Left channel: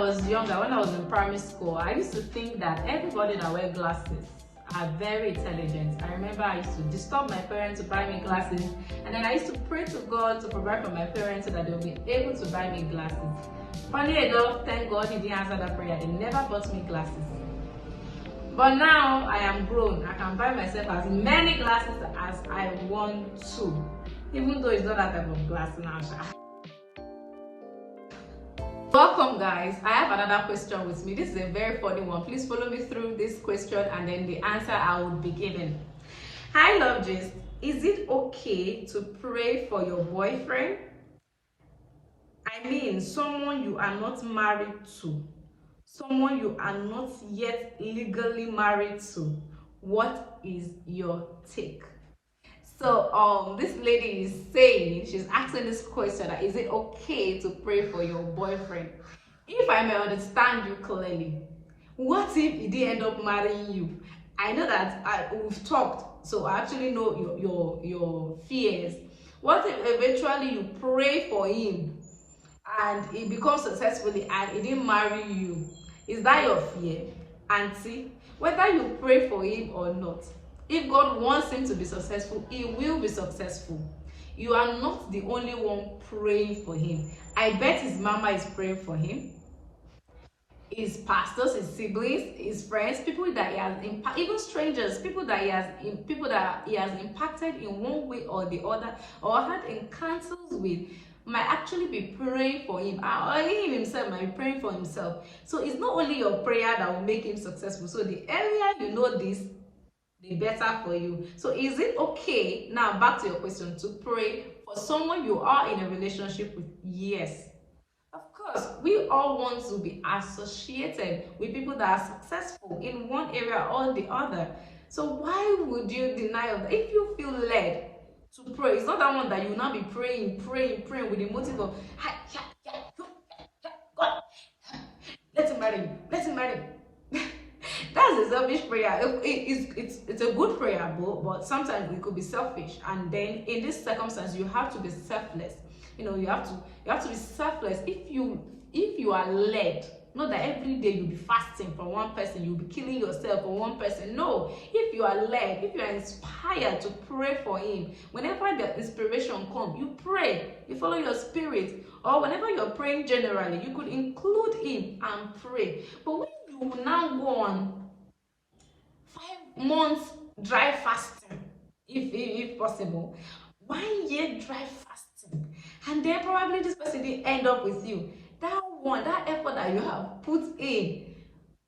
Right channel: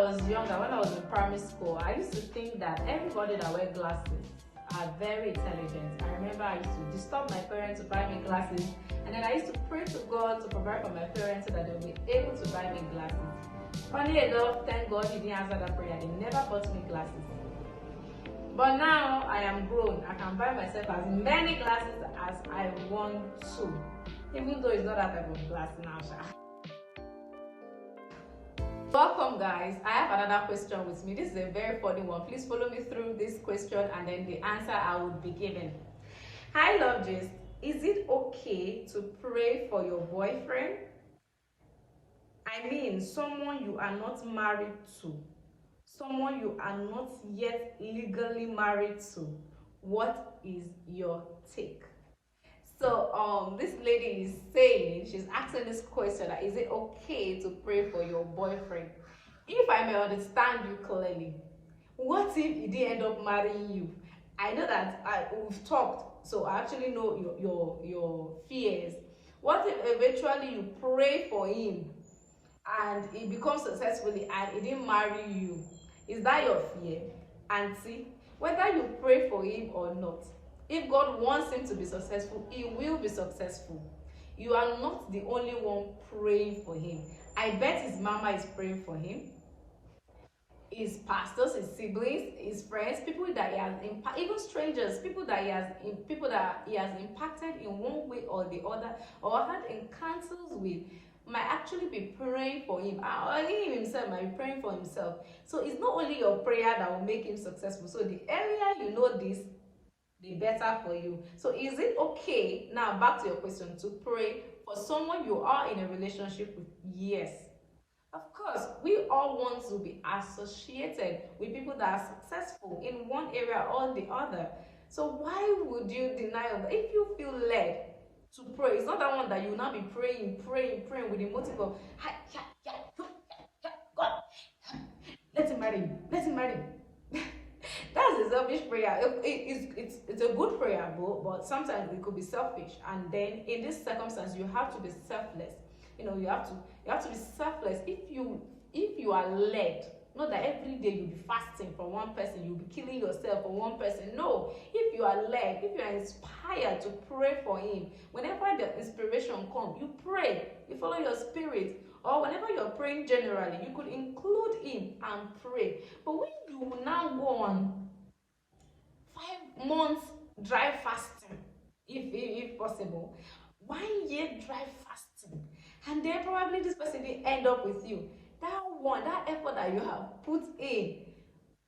was younger, when I was in primary school, I used to think that everybody that wears glasses are very intelligent. I remember I used to disturb my parents to buy me glasses, and then I used to pray to God to provide for my parents so that they will be able to buy me glasses. Funny enough, thank God he didn't answer that prayer. They never bought me glasses. But now I am grown. I can buy myself as many glasses as I want to, even though it's not that type of glass now. Welcome guys, I have another question with me. This is a very funny one. Please follow me through this question and then the answer I will be giving. Hi Love Gist, is it okay to pray for your boyfriend? I mean someone you are not married to, someone you are not yet legally married to. What is your take? So this lady is saying, she's asking this question, that is it okay to pray for your boyfriend? If I may understand you clearly, what if he did end up marrying you? I know that we've talked, so I actually know your fears. What if eventually you pray for him and he becomes successfully and he didn't marry you? Is that your fear? Auntie, whether you pray for him or not, if God wants him to be successful, he will be successful. You are not the only one praying for him. I bet his mama is praying for him, his pastors, his siblings, his friends, people that he has even strangers, people that he has impacted in one way or the other, or had encounters with, might actually be praying for him, or he himself might be praying for himself. So it's not only your prayer that will make him successful. So the earlier you know this, the better for you. So is it okay, now back to your question, to pray for someone you are in a relationship with? Yes, of course. We all want to be associated with people that are successful in one area or the other. So why would you deny that? If you feel led to pray, it's not that one that you will now be praying with the motive of God, let him marry you, let him marry you. That's a selfish prayer. It's a good prayer, but sometimes it could be selfish. And then in this circumstance, you have to be selfless. You know, you have to be selfless. If you are led, not that every day you'll be fasting for one person, you'll be killing yourself for one person. No, if you are led, if you are inspired to pray for him, whenever the inspiration comes, you pray, you follow your spirit. Or whenever you're praying generally, you could include him and pray. But when you will now go on 5 months dry fasting, if possible, 1 year dry fasting, and then probably this person didn't end up with you, that effort that you have put in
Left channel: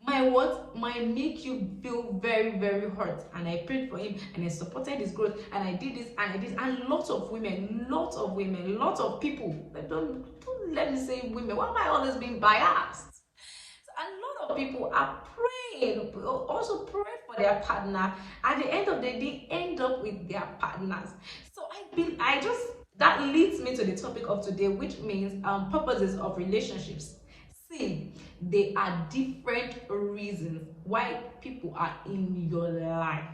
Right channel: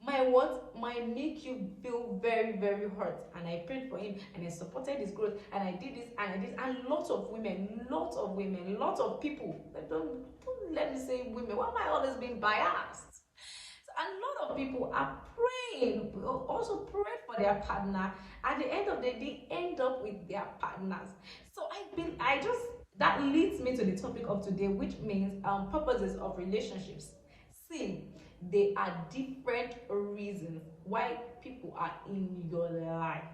might make you feel very, very hurt. And I prayed for him and I supported his growth and I did this and I did, and lots of women, lots of people, don't let me say women, why am I always being biased? A lot of people are praying, also praying for their partner. At the end of the day, end up with their partners. So that leads me to the topic of today, which means purposes of relationships. See, there are different reasons why people are in your life.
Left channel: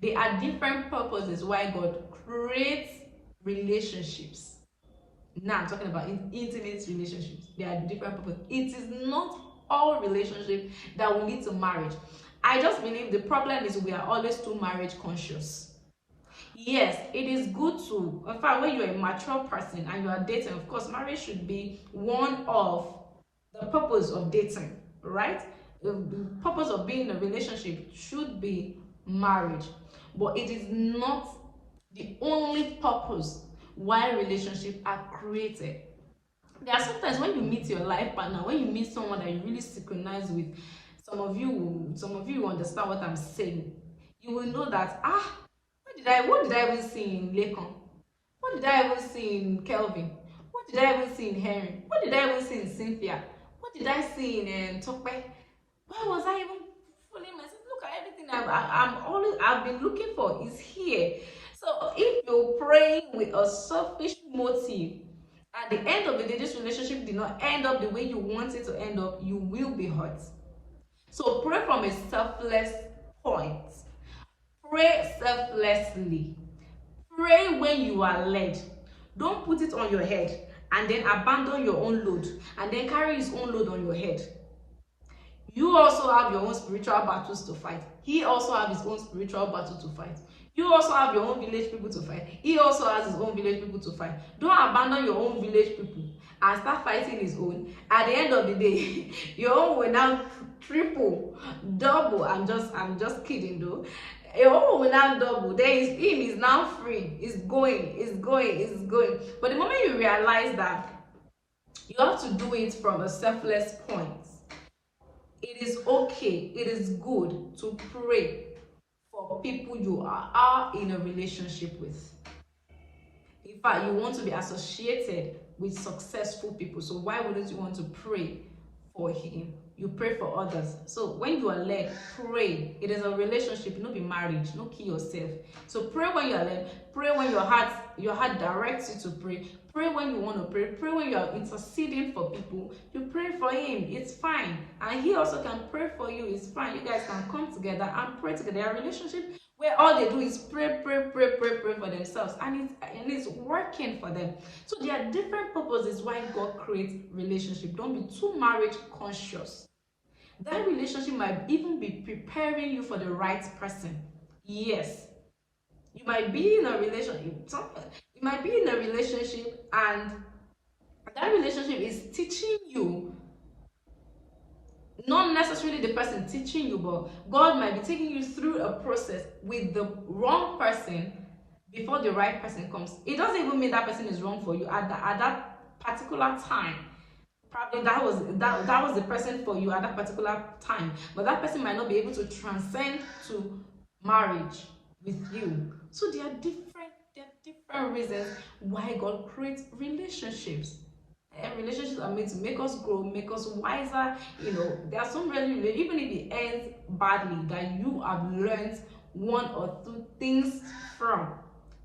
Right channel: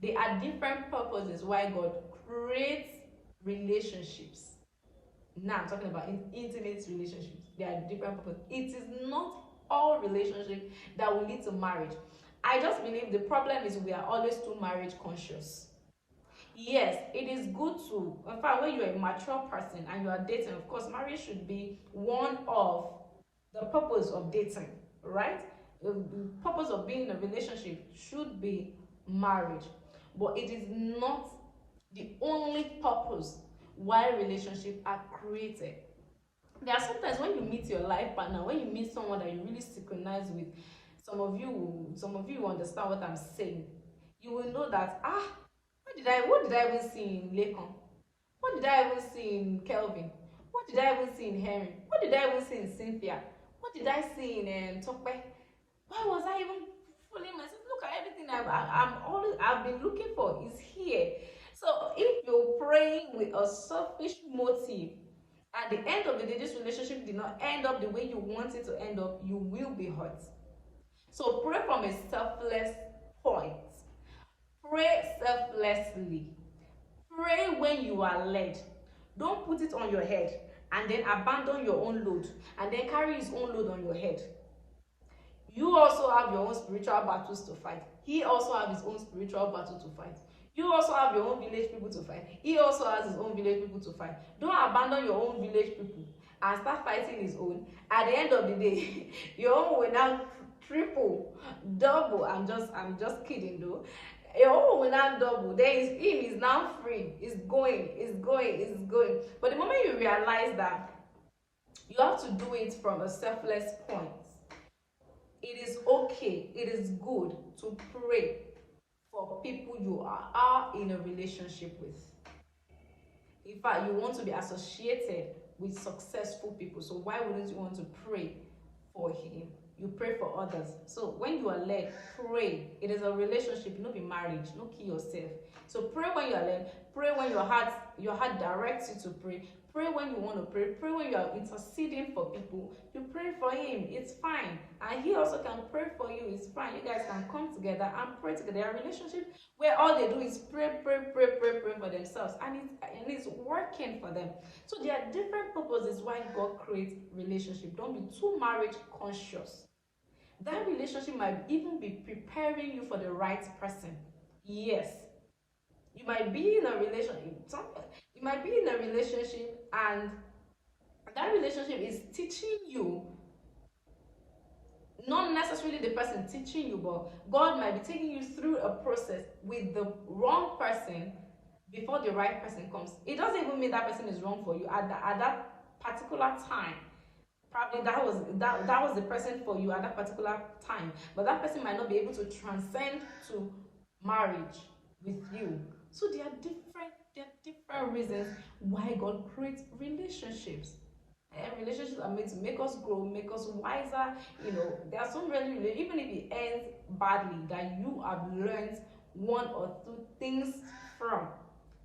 There are different purposes why God creates relationships. Now I'm talking about intimate relationships. There are different purposes. It is not all relationships that will lead to marriage. I just believe the problem is we are always too marriage conscious. Yes, it is good to, in fact, when you're a mature person and you are dating, of course, marriage should be one of the purpose of dating, right? The purpose of being in a relationship should be marriage, but it is not the only purpose why relationships are created. There are sometimes when you meet your life partner, when you meet someone that you really synchronize with, some of you understand what I'm saying. You will know that what did I even see in Lekon? What did I even see in Kelvin? What did I even see in Henry? What did I even see in Cynthia? What did I see in Tokpe? Why was I even fooling myself? Look at everything I've been looking for is here. So if you're praying with a selfish motive, at the end of the day, this relationship did not end up the way you want it to end up, you will be hurt. So pray from a selfless point. Pray selflessly. Pray when you are led. Don't put it on your head. and then abandon your own load and then carry his own load on your head. You also have your own spiritual battles to fight. He also have his own spiritual battle to fight. You also have your own village people to fight. He also has his own village people to fight. Don't abandon your own village people and start fighting his own. At the end of the day, your own will now triple, double. I'm just kidding though. Your own will now double. There is him is now free. It's going. But the moment you realize that you have to do it from a selfless point, it is okay, it is good to pray for people you are in a relationship with. In fact, you want to be associated with successful people. So why wouldn't you want to pray for him? You pray for others. So when you are led, pray. It is a relationship, not be marriage, not kill yourself. So pray when you are led, pray when your heart directs you to pray. Pray when you want to pray. Pray when you are interceding for people. You pray for him. It's fine. And he also can pray for you. It's fine. You guys can come together and pray together. A relationship where all they do is pray for themselves. And it's working for them. So there are different purposes why God creates relationship. Don't be too marriage conscious. That relationship might even be preparing you for the right person. Yes. You might be in a relationship. You might be in a relationship and that relationship is teaching you, not necessarily the person teaching you, but God might be taking you through a process with the wrong person before the right person comes. It doesn't even mean that person is wrong for you at that particular time. Probably that was the person for you at that particular time, but that person might not be able to transcend to marriage with you. So there are different reasons why God creates relationships. And relationships are made to make us grow, make us wiser. There are some really, even if it ends badly, that you have learned one or two things from.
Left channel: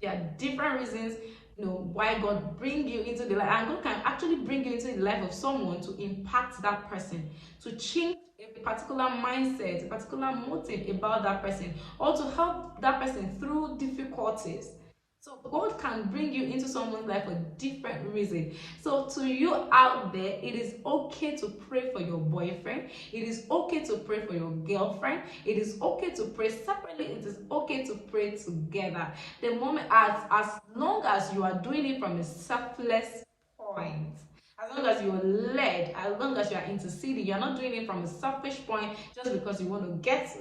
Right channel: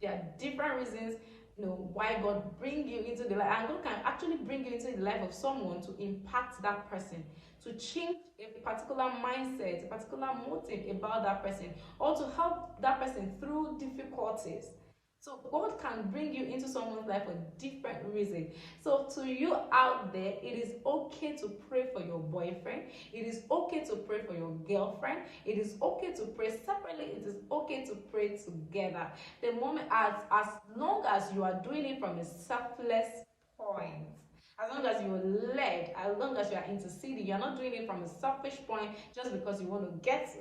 There are different reasons why God bring you into the life, and God can actually bring you into the life of someone to impact that person, to change a particular mindset, a particular motive about that person, or to help that person through difficulties. So God can bring you into someone's life for different reasons. So to you out there, it is okay to pray for your boyfriend. It is okay to pray for your girlfriend. It is okay to pray separately. It is okay to pray together. The moment, as long as you are doing it from a selfless point. As long as you're led, as long as you are interceding, you're not doing it from a selfish point just because you want to get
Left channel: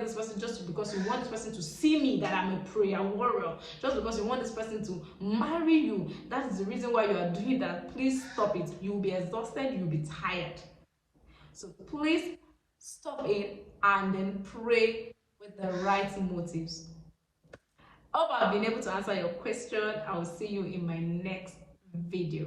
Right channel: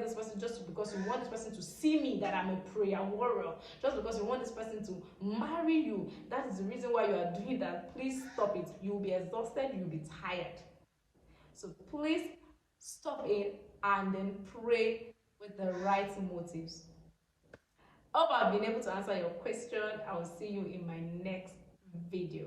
this person, just because you want this person to see me that I'm a prayer warrior, just because you want this person to marry you. That is the reason why you are doing that. Please stop it. You'll be exhausted, you'll be tired. So please stop it and then pray with the right motives. Hope I've been able to answer your question. I will see you in my next video.